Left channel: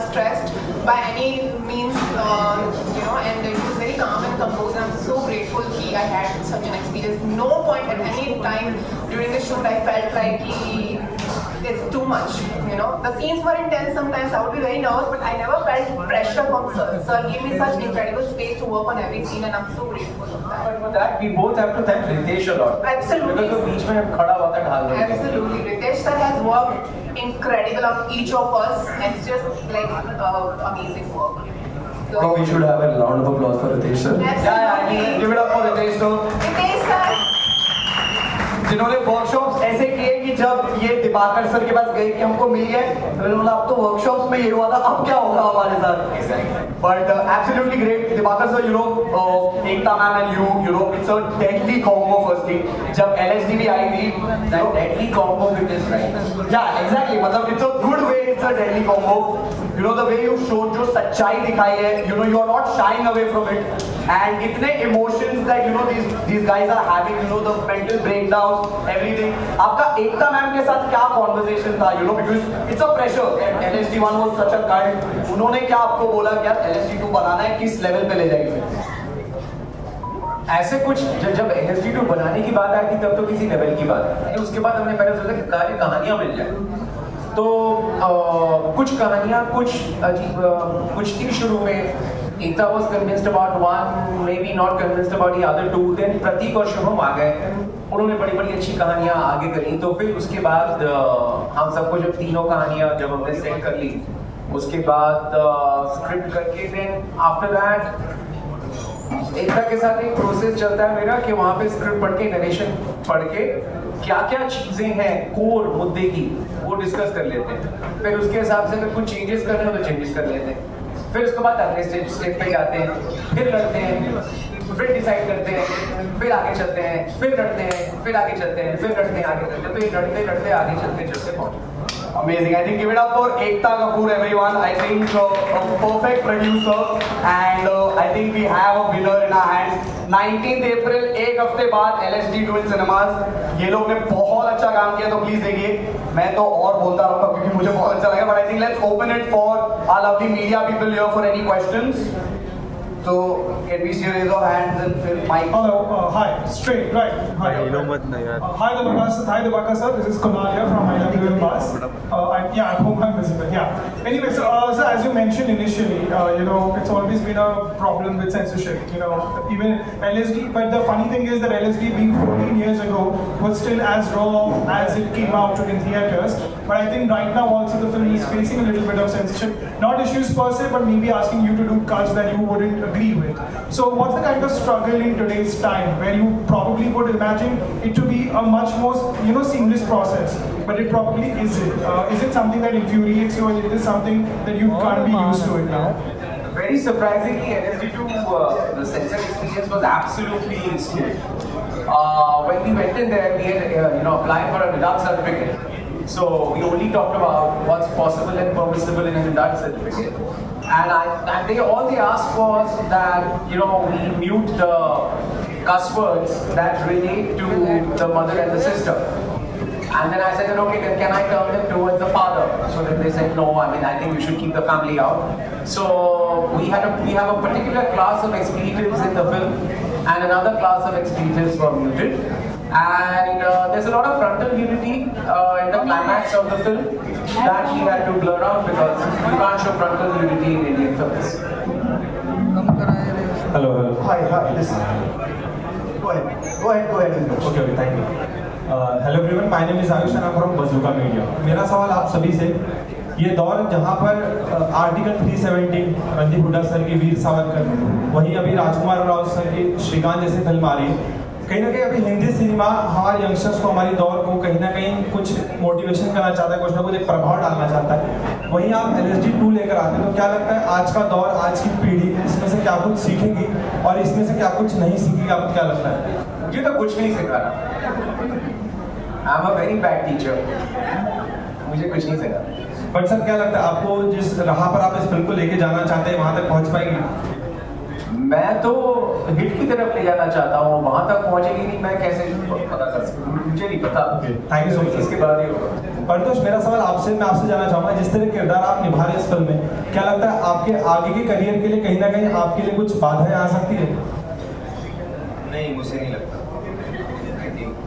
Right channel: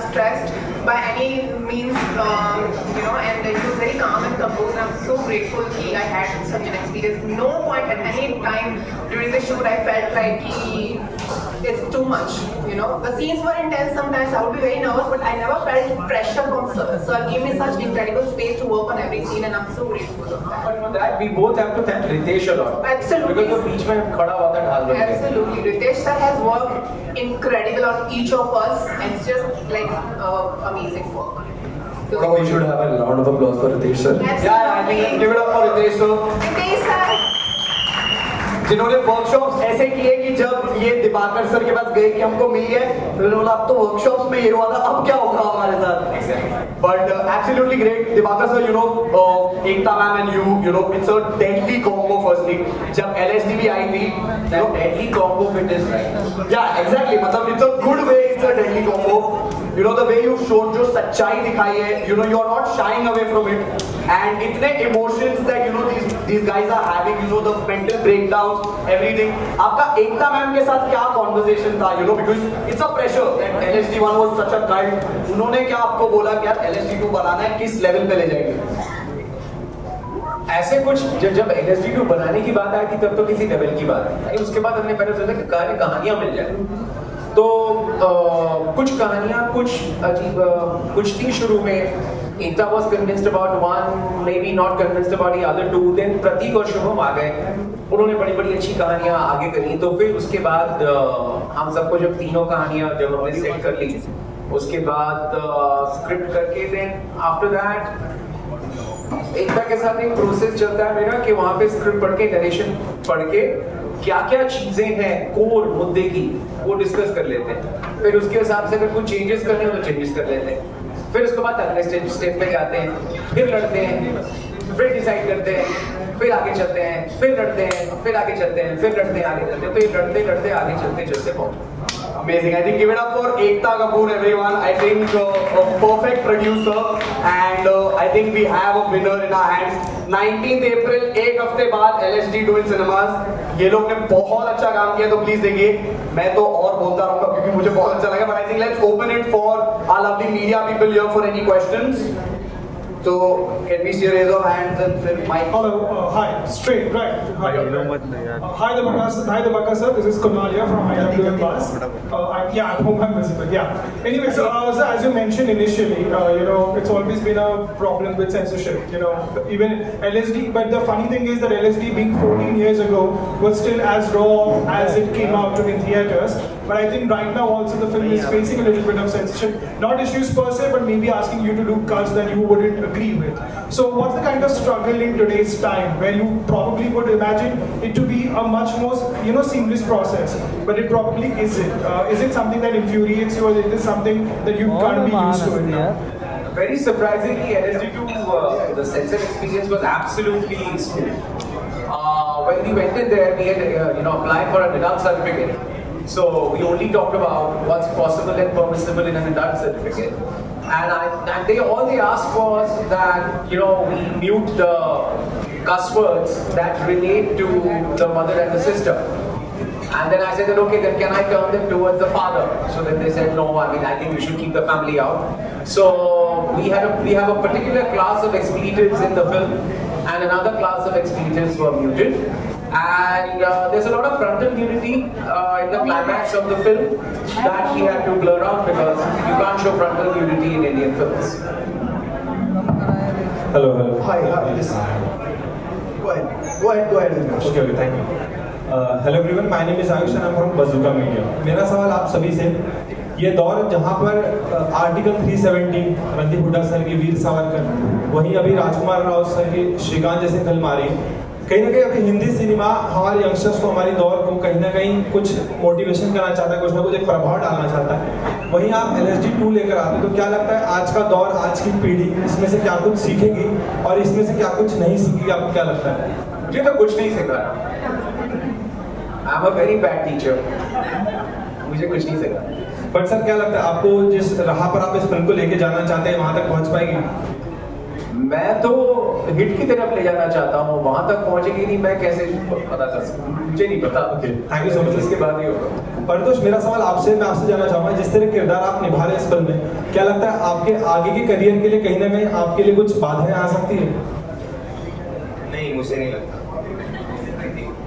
stressed by any means, and he was very calm and composed. I'm so grateful that I had such an experience. No point at any time during the shoot I felt like it's too much. The scenes were intense sometimes. I would be very nervous, but I never felt pressure from Sir. Sir gave me such incredible space to work on every scene, and I'm so grateful of that. But for that, we both have to thank Ritesh a lot. Absolutely. Because वो बीच में खड़ा हुआ था ढाल में. Absolutely. Ritesh sir has worked incredible on each of us, and it's just like amazing work. So we should have a round of applause for Ritesh sir. Yeah, I think give it up for Ritesh sir. Ritesh sir. जिन्होंने workshops ऐसे किए कि जब ये Diwakar sir के पास गए कि हमको मिल गया, मैंने बोला अब तो वर्कशॉप्स में ये हुआ था, अब क्या होगा हमारे साथ. But absolutely great, Divakar sir, Ekta ma'am and you know, it's a deadly combo firstly. जब LSD भी आई थी, that deadly combo with this right. Yeah, exactly. मतलब it's a good way, it's a deadly combo. The way you've shown जो सच्चाई दिखाई है, you're not shying away from it. And इतने emotions that these guys are having, the mental breakdowns, everything. आपका एकता ma'am के साथ क्या conversation था, because it's a pressure that LSD1 was such a cult. उन्होंने क्या आपको बोला कि यार LSD2 बनाना है, किस लेवल पे ले जाएंगे? ऐसे कुछ जब LSD2 बनाने की बात आई थी तब तो किसी लेवल की बात आई. उसके बाद हमने पहले सोचा कि कहानियां मिल जाए. तो कुछ कहानियां कुछ थी शुरू में. Ekta was convinced about one, maybe not convinced about the other two. Then प्रतीक और शुभम आ गए. उन्होंने बड़ी अच्छी कहानियां आगे करी. तो फिर उसके बाद हम सबको जब तीनों कहानियां जब हमने सेट कर ली, उसके बाद स्क्रिप्ट करके देन आफ्टर दैट एकता के साथ एक प्रोसेस चलता है मेरा कि वहाँ पे स्क्रिप्ट पढ़ के नरेशन पढ़ के क्या चीजें हैं कोर मुद्दे की वो डिस्कस कर लेते हैं. फिर उसके हिसाब से अगर कुछ चेंजेस करने हो तो चेंजेस कर लेते हैं. फिर उसके बाद अगले स्टेप पे जाते हैं, फिर लड़ते हैं, फिर डिसाइड करते हैं, फिर आगे चलते हैं, फिर लड़ते हैं, फिर आगे चलते हैं, फिर लड़ते हैं, आगे चलते हैं. तो ये लड़ते आगे चलते पहुंचे. Amazing. I think give it up for Ekta Kapoor, everyone. I think a perfect producer, and I think we have a winner in our hands. 19th April, एक हफ्ते बाद LSD2 in cinemas. ये लोग ने बहुत अच्छा काम किया, तो प्लीज देखिए. मैं तो और बोलता रहूंगा क्योंकि मुझे बहुत अच्छा लगा. But I think let's open it for our lovely media people here for any questions. So can we see a raise of hands and fill mic? Hello, hi, straight, right. Hi, hi Divakar sir, this is Kunal here from IWM Bus. At home I'm visible, yeah. Anyways, so as you mentioned initially, it's always been a problem with censorship, even LSD, but the funny thing is that LSD being 14 years ago was still as raw as it came out in theatres. But I think right now also the film is facing a little bit of censorship, not issues per se, but maybe asking you to do cuts that you wouldn't agree with. So what's the kind of struggle in today's time where you probably would imagine it to be a much more seamless process, but it probably isn't. Is it something that infuriates you, or is it something that you can't be used to it now? Very surprisingly, LSD2, the censor experience was absolutely smooth. When we went in there, we had applied for an adult certificate. So we only talked about what's possible and permissible in an adult certificate. And all they asked was that we mute the cuss words that relate to the mother and the sister. And then I said that, okay, then can I turn them towards the father? So then they said, no, I think we should keep the family out. So we have a particular class of expletives in the film, and another class of expletives were muted. And there's a lot of frontal nudity in the climax of the film that we had to blur out because you can't show frontal nudity in Indian films. Hello. Hi, listen. Go ahead. Okay, thank you. Hello everyone, my name is Ayush and I'm from Bazooka Media. मेरा सवाल आप सभी से, ये दौर जहाँ पर article 370 Randeep Hooda sir की वीर सावरकर, वहीं अभी राजकुमार राव सर की श्रीकांत जैसे फिल्म आ रही है, कहीं ना कहीं अभी हिंदी सिनेमा हमारे यंगस्टर्स को, हमारी दौर को कहीं ना कहीं कुछ मोटिवेशन करना चाहता है, कुछ ना कुछ एक प्रभाव डालना चाहता है. वहीं आप LSD2 लेकर आते हैं, तो क्या लगता है आज का दौर, आज की पीढ़ी इसमें से क्या कुछ सीखेगी और इसमें से क्या कुछ नहीं सीखेगी? आपको क्या लगता है? मुझे तो कुछ नहीं सिखा. I am a very bad teacher. मुझे कुछ नहीं सिखा. बट सर क्या लगता है आपको, जिस राह पर आप इस फिल्म को लेके जाना चाहते हैं वहां तक पहुंच पाएगी? मैं तो हिट की तरफ ले जाना चाहता हूँ, वहां तक पहुंचेगी नहीं, मैं कैसे पता कर सकता हूँ? मुझे नहीं पता. Thank you so much. इसके बाद ही होगा. परितोष, मेरा सवाल आपसे, मैं आपसे जानना चाहूंगा, जिस तरह किरदार आप निभा रहे हैं इस फिल्म में, आपके आगे के करियर के लिए कहीं ना कहीं आपके लिए कुछ बाधाएं आ सकती है? नहीं, मुझे नहीं लगता।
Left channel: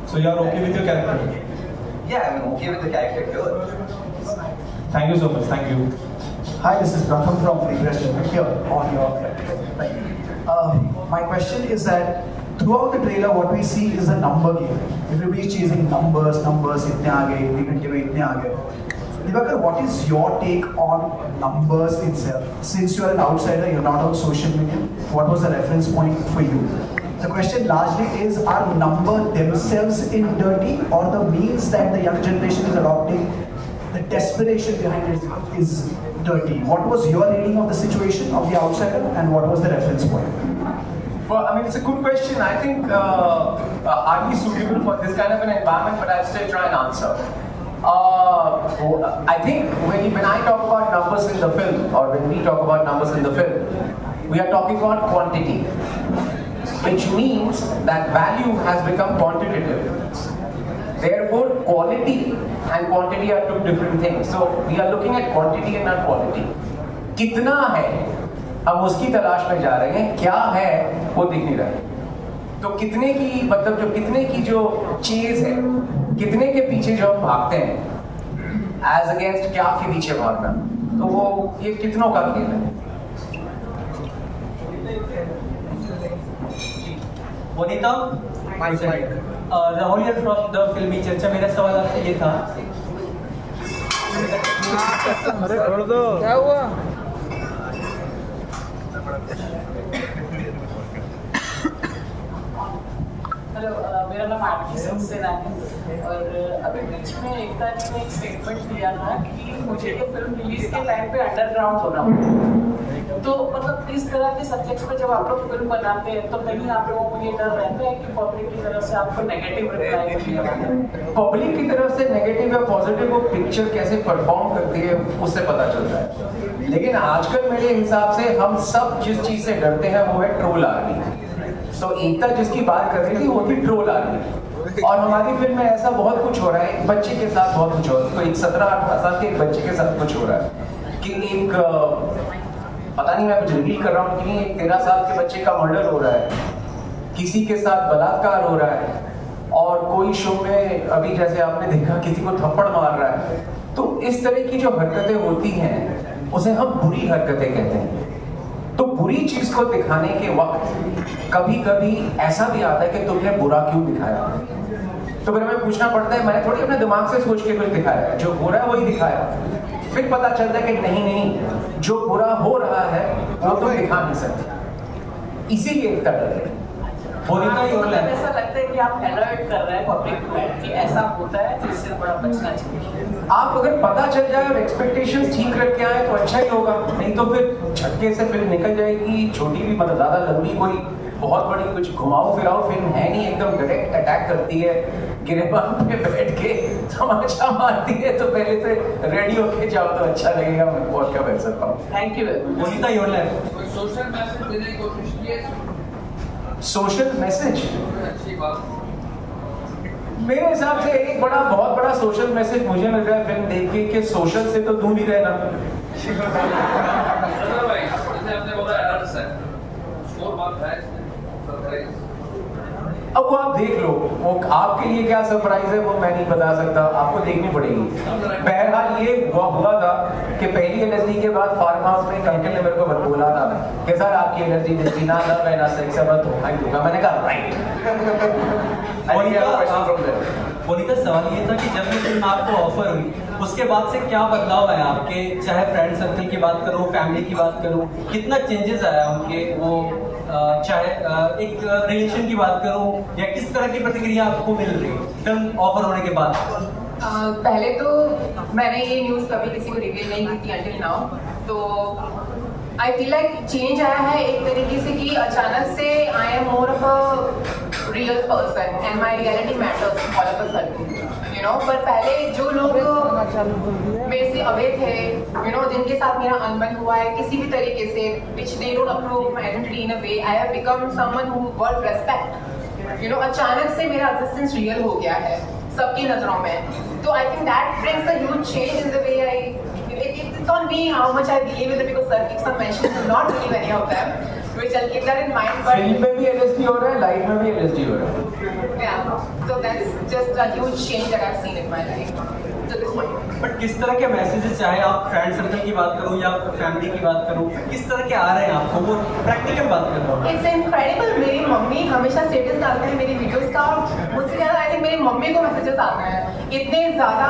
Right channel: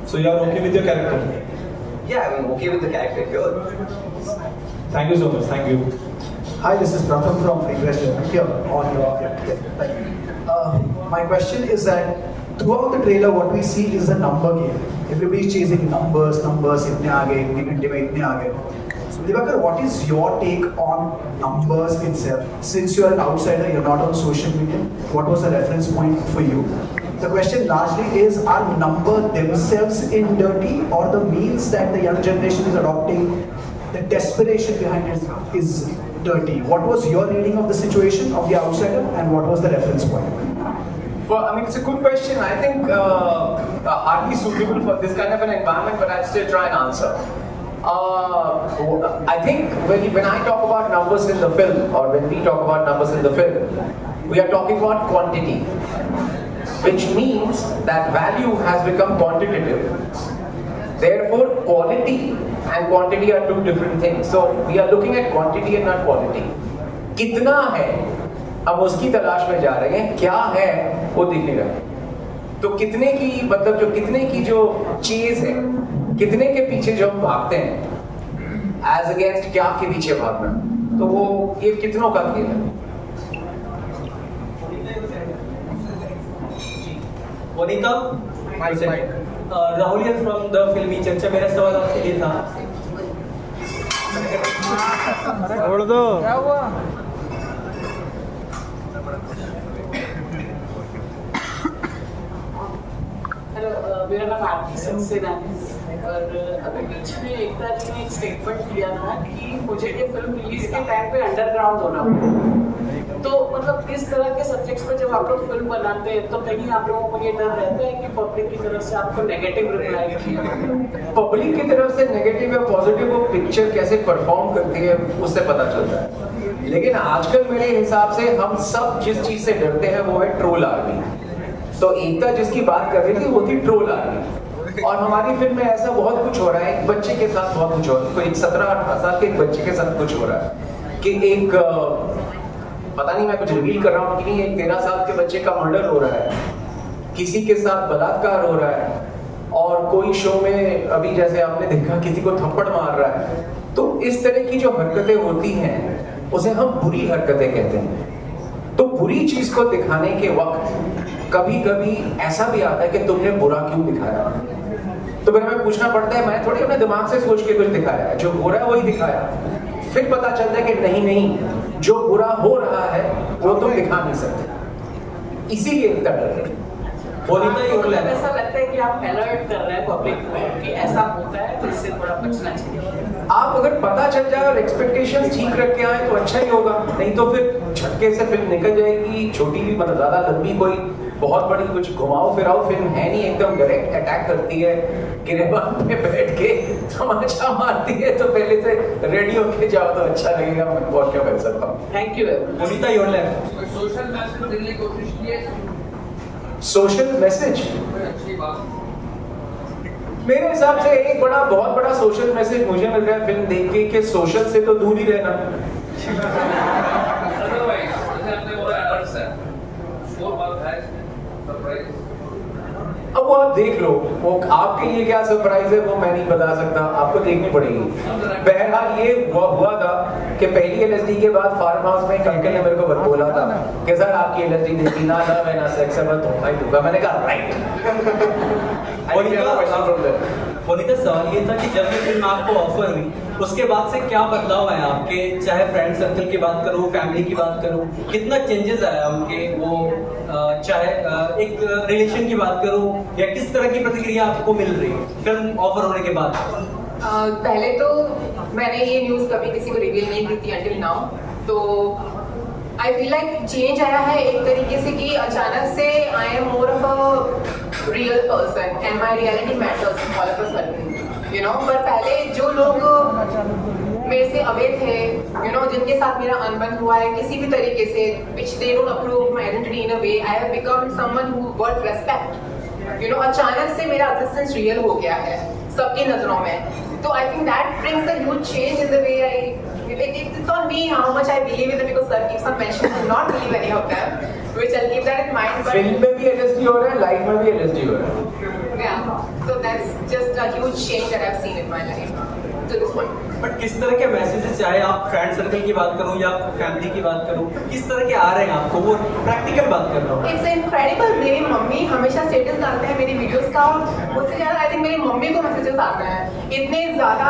So you are okay with your character? Yeah, I'm okay with the character here. Thank you so much. Thank you. Hi, this is Pratham from Frequest here on your my question is that throughout the trailer what we see is a number game. Everybody is chasing numbers, itne aage, itne ghante mein itne aage. Divakar, what is your take on numbers itself? Since you are an outsider, you're not on social media, what was the reference point for you? The question largely is, are numbers themselves in dirty, or the means that the young generation is adopting, the desperation behind it is dirty? What was your reading of the situation of the outsider, and what was the reference point? I mean, it's a good question. I think hardly suitable for this kind of an environment, but I'll still try and answer. I think when I talk about numbers in the film, or when we talk about numbers in the film, we are talking about quantity, which means that value has become quantitative. Therefore, quality and quantity are two different things. So we are looking at quantity and not quality. कितना है, हम उसकी तलाश में जा रहे हैं, क्या है वो दिख नहीं रहा। तो कितने की मतलब कितने की जो चीज है, कितने के पीछे जो हम भागते हैं, एज अगेंस्ट क्या के पीछे भागना, तो वो ये कितनों का खेल है। Vanita, Rahul here from the फिल्मी चर्चा। मेरा सवाल आपसे ये था, क्या हुआ? हेलो, मेरा नाम आरती सक्सेना है और अभी बीच में एकता जी ने एक स्टेटमेंट दिया था कि मुझे ये फिल्म रिलीज के टाइम पे अंडरग्राउंड होना पड़ा। तो मतलब इस तरह के सब्जेक्ट्स पे जब आप लोग फिल्म बनाते हैं तो कहीं आप लोगों को ये डर रहता है कि पब्लिक की तरफ से आपको नेगेटिव रिप्लाई मिलेगा? पब्लिक की तरफ से नेगेटिव या पॉजिटिव वो पिक्चर कैसे परफॉर्म करती है उससे पता चलता है। लेकिन आजकल मेरे हिसाब से हम सब जिस चीज से डरते हैं वो है ट्रोल आर्मी। तो एकता जिसकी बात कर रही थी वो थी ट्रोल आर्मी, और हमारी फिल्म में ऐसा बहुत कुछ हो रहा है। एक बच्चे के साथ बहुत कुछ हो रहा है, तो एक 17-18 साल के एक बच्चे के साथ कुछ हो रहा है कि एक पता नहीं मैं कुछ रिवील कर रहा हूँ कि नहीं, एक 13 साल के बच्चे का मर्डर हो रहा है, किसी के साथ बलात्कार हो रहा है, और कोई शो में अभी जैसे आपने देखा किसी को थप्पड़ मार रहा है। तो इस तरह की जो हरकतें होती हैं उसे हम बुरी हरकतें कहते हैं। तो बुरी चीज को दिखाने के वक्त कभी कभी ऐसा भी आता है कि तुमने बुरा क्यों दिखाया, तो फिर हमें पूछना पड़ता है, मैं थोड़ी अपने दिमाग से सोच के कुछ दिखाया, जो हो रहा है वही दिखाया। फिर पता चलता है कि नहीं, जो बुरा हो रहा है वो तो दिखा नहीं सकते, इसीलिए एकता डर है। ऐसा लगता है कि आप अलर्ट कर रहे हैं पब्लिक को कि ऐसा होता है तो इससे थोड़ा बचना चाहिए। आप अगर पता चल जाए और एक्सपेक्टेशंस ठीक रख के आए तो अच्छा ही होगा, नहीं तो फिर झटके से फिल्म निकल जाएगी। छोटी भी मतलब ज्यादा लंबी कोई बहुत बड़ी कुछ घुमाओ फिराओ फिल्म है नहीं, एकदम डायरेक्ट अटैक करती है, गिरेबान पे बैठ के तमाचा मारती है, तो पहले से रेडी होके जाओ तो अच्छा लगेगा। मैं बहुत क्या कर सकता हूँ। Thank you. Vanita, your lab. Social message देने की कोशिश की, सोशल मैसेज मेरे हिसाब से एक बहुत बड़ा सोशल मैसेज मुझे मिल रहा है फिल्म देख के कि सोशल से तो दूर ही रहना। अदरवाइज जैसे आपने बोला अलर्ट्स है, स्कोर बात है, सरप्राइज। अब वो आप देख लो, वो आपके लिए क्या सरप्राइज है वो मैं नहीं बता सकता, आपको देखनी पड़ेगी। बहरहाल ये हुआ था कि पहली एलएसडी के बाद फार्म हाउस में एक अंकल ने मेरे को बोला था कि सर आपकी एलएसडी देखी ना था, मैं ना सेक्स है तो मैं दूंगा। मैंने कहा राइट। वनीता, सवाल ये था कि जब ये फिल्म आपको ऑफर हुई उसके बाद से क्या बदलाव आया आपके, चाहे फ्रेंड सर्कल की बात करो, फैमिली की बात करो, कितना चेंजेस आया उनके, वो चाहे एक रिलेशन की बात करो, या किस तरह की प्रतिक्रिया आपको मिल रही है फिल्म ऑफर होने के बाद? पहले तो मैंने ये न्यूज़ कभी किसी को रिवील नहीं की थी अंटिल नाउ, तो आई फील लाइक चेंज आया है एक तरीके से कि अचानक से I am more of a real person and my reality matters all of a sudden, you know. पर पहले जो लोग मेरे से अवे थे, यू नो, जिनके साथ मेरा अनबन हुआ है किसी भी तरीके से, which they don't approve my identity in a way, I have become someone who got respect, you know. अचानक से मेरा एग्जिस्टेंस रियल हो गया है सबकी नजरों में, तो I think that brings a huge change in the way I it's on me how much I believe in it because sir keeps on mentioning to not believe any of them, which I'll keep that in mind. But film में भी LSD हो रहा है, life में भी LSD हो रहा है. yeah, so that's just a huge change that I've seen in my life to this point. But किस तरह के मैसेजेस, चाहे आप फ्रेंड सर्कल की बात करूं या फैमिली की बात करूं, किस तरह के आ रहे हैं आपको, वो प्रैक्टिकल बात कर रहा हूं. It's incredible. मेरी मम्मी हमेशा स्टेटस डालते हैं मेरी वीडियोस का, उससे ज़्यादा आई थिंक मेरी मम्मी को मैसेजेस आते हैं. इतने ज़्यादा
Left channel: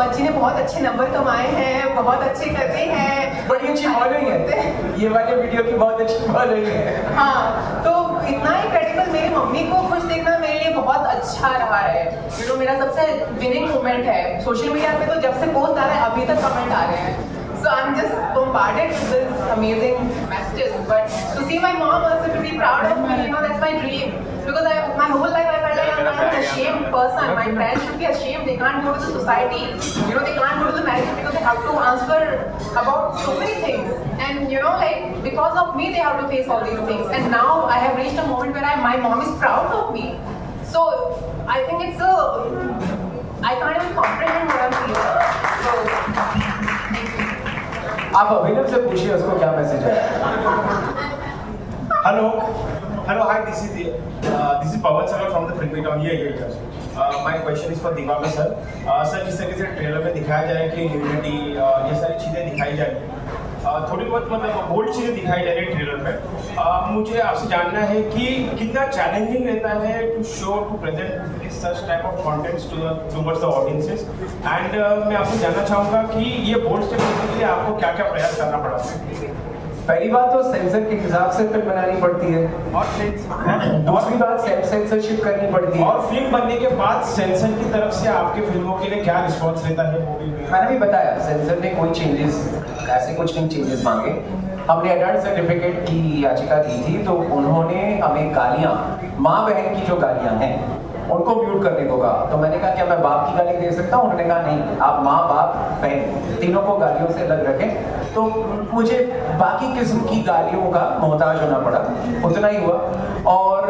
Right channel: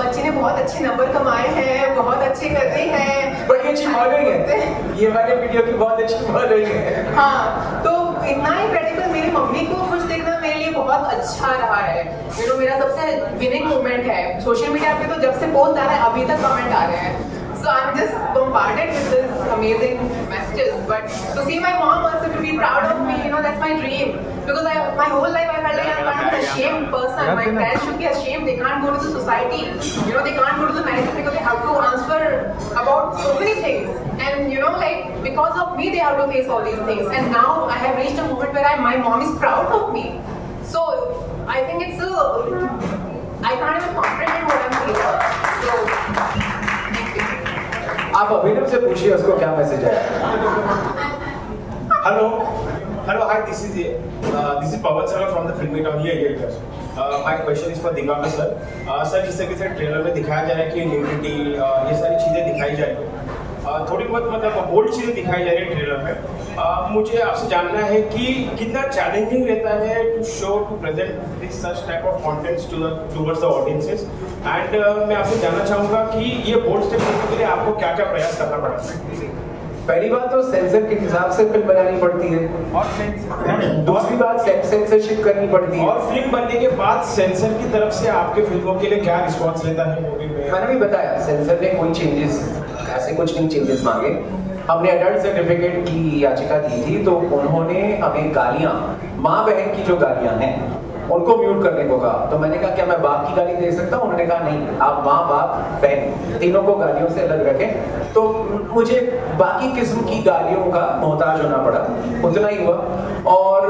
बच्चे ने बहुत अच्छे नंबर कमाए हैं, बहुत अच्छे करते हैं. बड़ी अच्छी फॉलोइंग है, ये वाले वीडियो की बहुत अच्छी फॉलोइंग है. हाँ, तो इतना incredible, मेरी मम्मी को खुश देखना मेरे लिए बहुत अच्छा रहा है. You know, मेरा सबसे विनिंग मोमेंट है. सोशल मीडिया पे तो जब से पोस्ट आ रहा है अभी तक कमेंट आ रहे हैं. So I'm just bombarded with this amazing messages. But to see my mom also to be proud of me, you know, that's my dream. Because my whole life I felt like I'm kind of an ashamed person. My parents should be ashamed. They can't go to the society. You know, they can't go to the marriage because they have to answer about so many things. And you know, like because of me, they have to face all these things. And now I have reached a moment where my mom is proud of me. So I think it's I can't even comprehend what I'm feeling. So. आप अभिनव से पूछिए उसको क्या message है. Hello, hi. This is Pawan Sara from the Filmy Town here. My question is for Divakar sir. Sir, जिस तरीके से trailer में दिखाया जा रहा है कि न्यूडिटी ये सारी चीज़ें दिखाई जाएगी, थोड़ी बहुत मतलब बोल्ड चीज़ें दिखाई जा रही है ट्रेलर में. मुझे आपसे जानना है कि कितना चैलेंजिंग रहता है to show to present this such type of contents towards the audiences. And मैं आपसे जानना चाहूँगा कि ये बोल्ड स्टेप लेने के लिए आपको क्या क्या प्रयास करना पड़ा है. पहली बात तो सेंसर के हिसाब से फिल्म बनानी पड़ती है. दूसरी बात सेंसरशिप करनी पड़ती है. और फिल्म बनने के बाद सेंसर की तरफ से आपके फिल्मों के लिए क्या रिस्पॉन्स रहता है मूवी में? मैंने भी बताया सेंसर ने कोई चेंजेस, ऐसे कुछ नहीं चेंजेस मांगे. हमने एडल्ट सर्टिफिकेट की याचिका दी थी तो उन्होंने हमें गालियां, माँ बहन की जो गालियां हैं उनको म्यूट करने को कहा. तो मैंने कहा क्या मैं बाप की गाली दे सकता हूँ? उन्होंने कहा नहीं, आप माँ बाप बहन तीनों को गालियों से अलग रखें. तो मुझे बाकी किस्म की गालियों का मोहताज होना पड़ा, उतना ही हुआ. और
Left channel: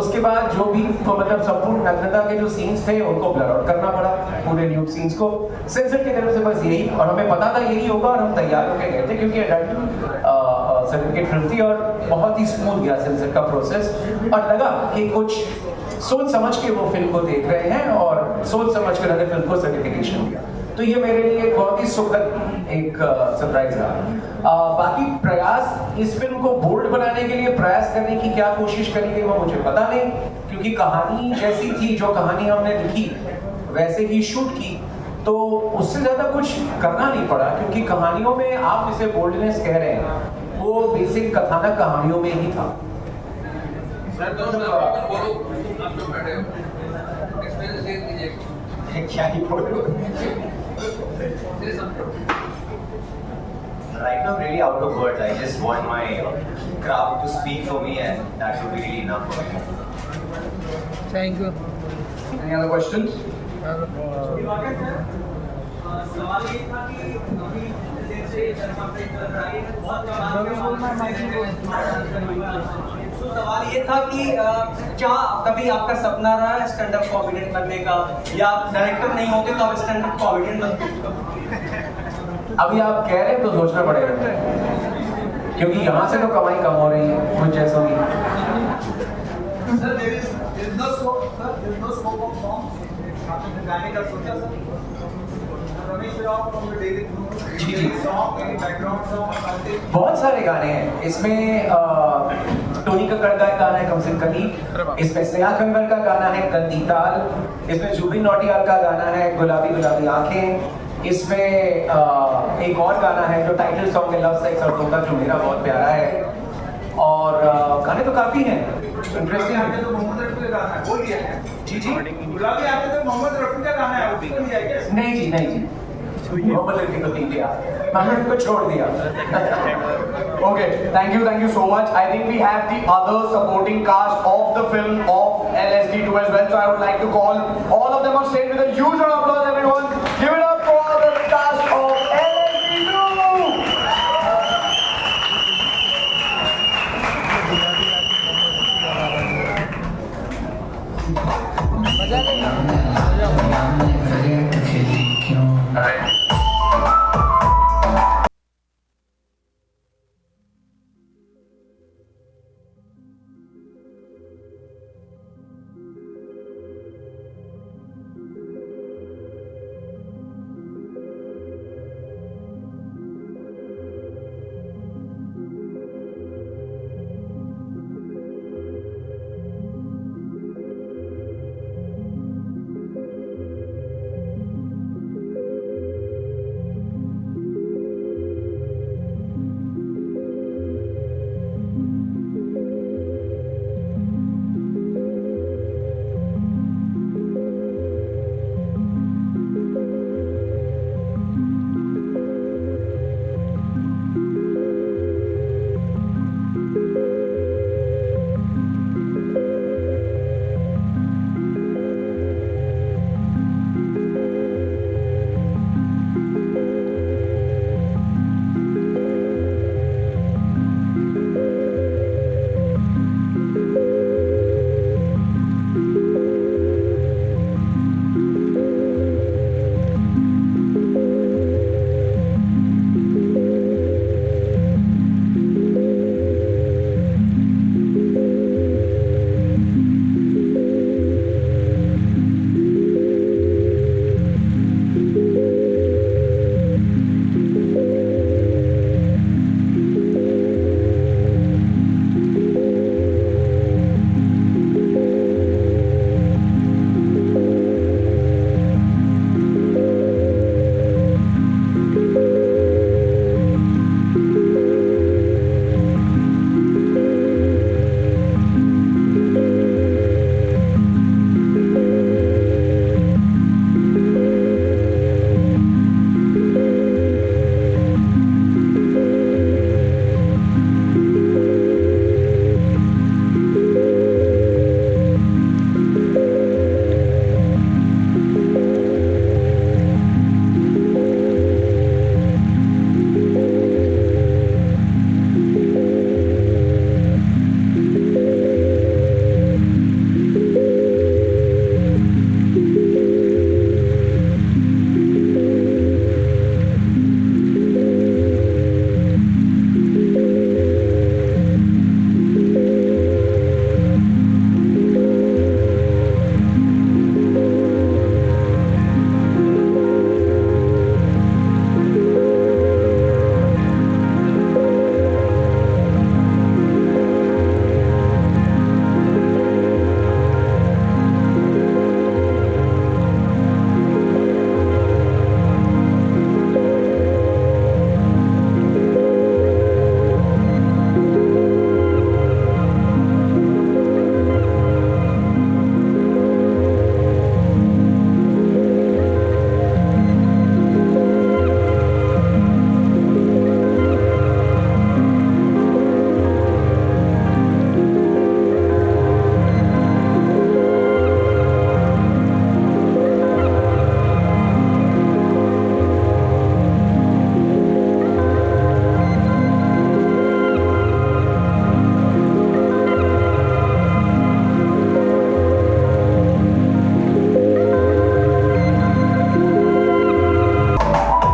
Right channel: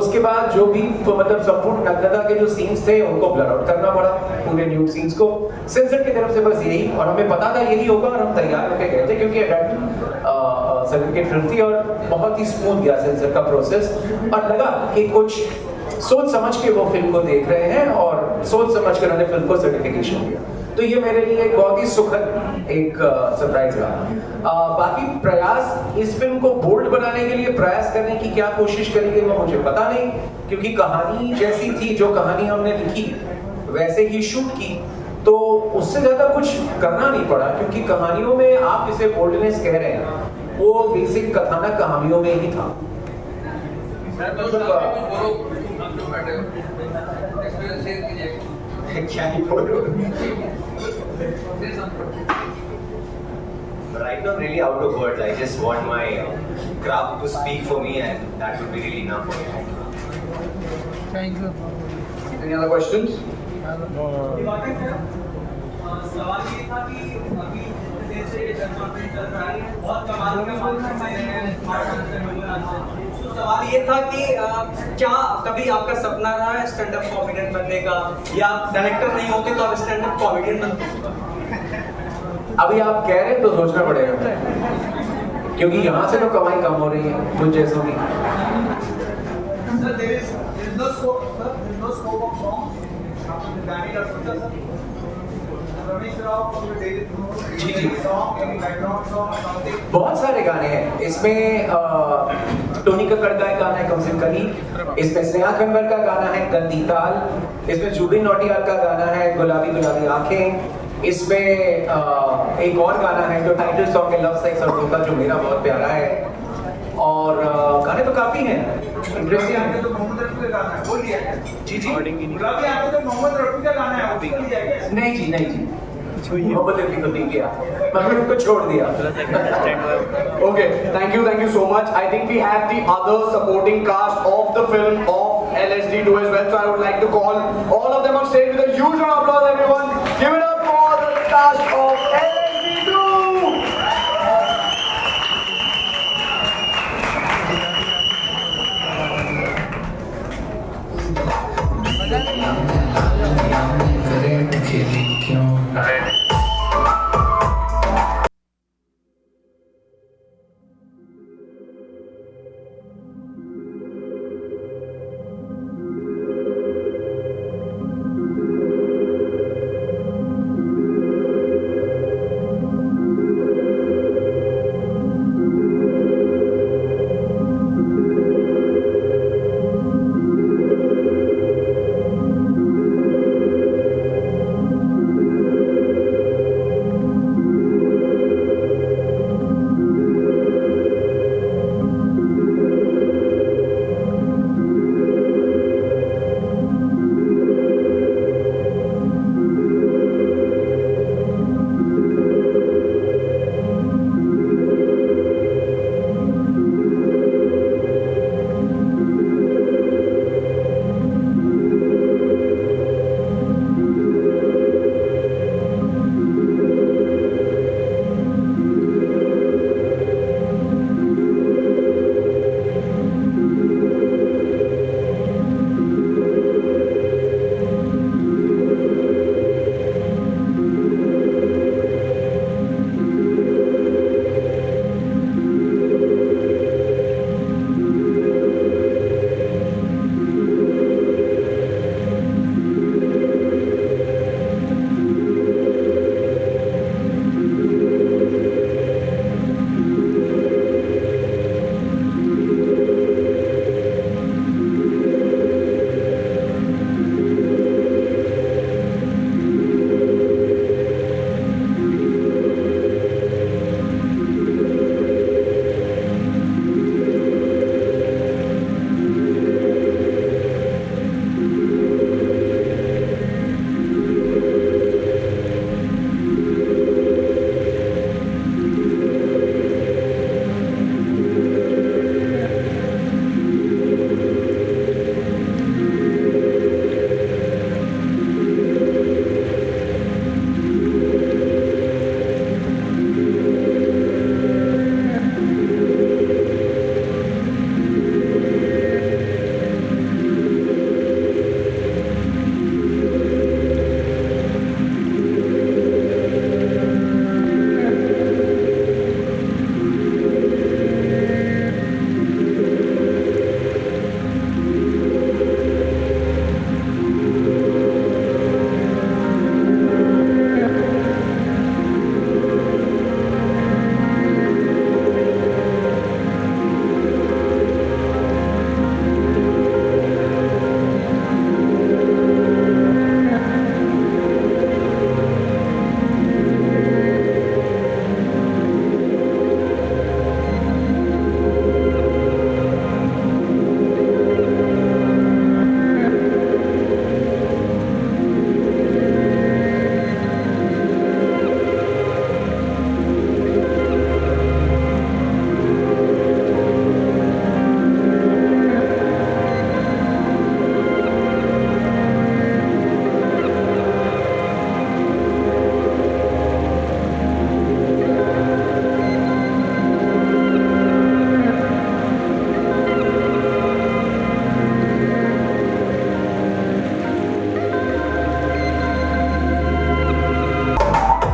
उसके बाद जो भी तो मतलब संपूर्ण नग्नता के जो सीन्स थे उनको ब्लर आउट करना पड़ा, पूरे न्यूड सीन्स को. सेंसर की तरफ से बस यही, और हमें पता था यही होगा और हम तैयार होकर गए थे क्योंकि एडल्ट सर्टिफिकेट फिल्म थी और बहुत ही स्मूथ गया सेंसर का प्रोसेस. और लगा कि कुछ सोच समझ के वो फिल्म को देख रहे हैं और सोच समझ कर उन्होंने फिल्म को सर्टिफिकेशन दिया. तो ये मेरे लिए एक बहुत ही सुखद एक सरप्राइज रहा. बाकी प्रयास इस फिल्म को बोल्ड बनाने के लिए प्रयास करने की क्या कोशिश करी गई वो मुझे पता नहीं, क्योंकि कहानी जैसी थी, जो कहानी हमने लिखी वैसे ही शूट की, तो उससे ज्यादा कुछ करना नहीं पड़ा. क्योंकि कहानियों में आप इसे बोल्डनेस कह रहे हैं, वो बेसिक कथानक कहानियों में ही था. क्या ही बोलूं. Right now, I'm really out of words. I just want my craft to speak for me, and that would be really enough for me. Thank you. Any other questions? सवाल ये था कि अभी जैसे कंप्लीट कर रहा है बहुत तो सवाल ये था कि क्या कभी आपका सपना रहा है स्टैंड अप कॉमेडियन बनने का, या डायरेक्टर नहीं होते तो आप स्टैंड अप कॉमेडियन बनते? अभी आप कह रहे हैं तो सोचना पड़ेगा, क्योंकि यहाँ से तो कमाई कम हो रही है कुछ जैसों की. Sir, there is no scope, sir. There is no scope of songs. आपने गाने का सोचा सर? रमेश राव को दे देते जी जी. Song, any background song, something. बहुत सारे गाने हैं इसमें. टोनी कक्कड़ का एक गाना है कम से कली, इसमें स्नेहा कन्वर का गाना है गंदी ताल, इसमें जुबिन नौटियाल का गाना है गुलाबी गुलाबी आंखें, इसमें एक और गाना है जो टाइटल सॉन्ग है लव सेक्स और धोखा जो मेरा बहुत प्यारा है. और गाने तो काफी हैं इंटरेस्टिंग है. तो मोहम्मद रफी का गाना है, बोल दिया है. जी जी. गुलाबी आंखें तो मोहम्मद रफी का गाना है, उसको लिया क्या? नहीं जी, नहीं जी, मोहम्मद रफी को नहीं किया, मैंने उनको छोड़ दिया. Okay, thank you so much. I think we have the other supporting cast of the film of LSD2 as well. So I would like to call all of them on stage with a huge round of applause.